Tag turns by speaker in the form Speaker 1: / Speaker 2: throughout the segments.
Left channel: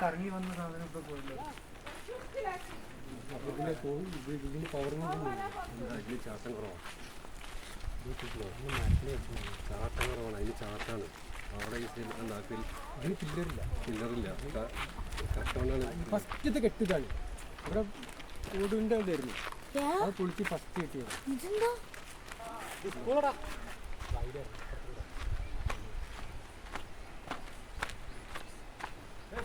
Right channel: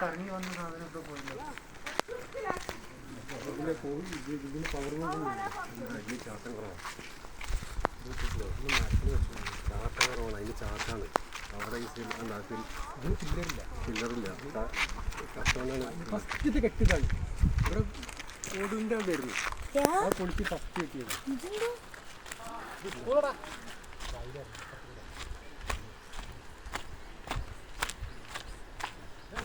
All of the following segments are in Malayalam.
Speaker 1: കറങ്ങി വന്ന സാധനം ഇപ്പൊ പോയില്ലോ
Speaker 2: അതിന് ചാട്ടം കുറവാണ് ചാട്ടം കുറവാണ് അതിന് ചാട്ടാണ്. അവിടെ സിൽ-
Speaker 1: ഇതിന് ചില്ലറില്ല
Speaker 2: ചില്ലറില്ല കഷ്ടമാണ്
Speaker 1: ഫസ്റ്റ് കെട്ടിതാണ് ഇവിടെ ഓടിന്റെ വരുന്നു അത് പൊളിച്ച് ഫസ്റ്റ് കെട്ടിയത്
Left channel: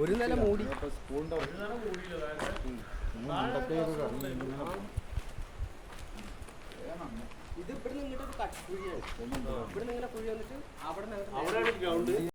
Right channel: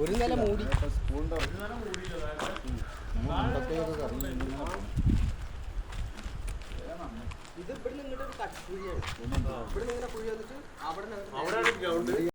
Speaker 2: ഒരു നില മൂടി. ഇത് ഇവിടെ നിന്ന് ഒരു കട്ട് കുഴിയാണ് ഇവിടെ നിന്ന് ഇങ്ങനെ കുഴി വന്നിട്ട് അവിടെ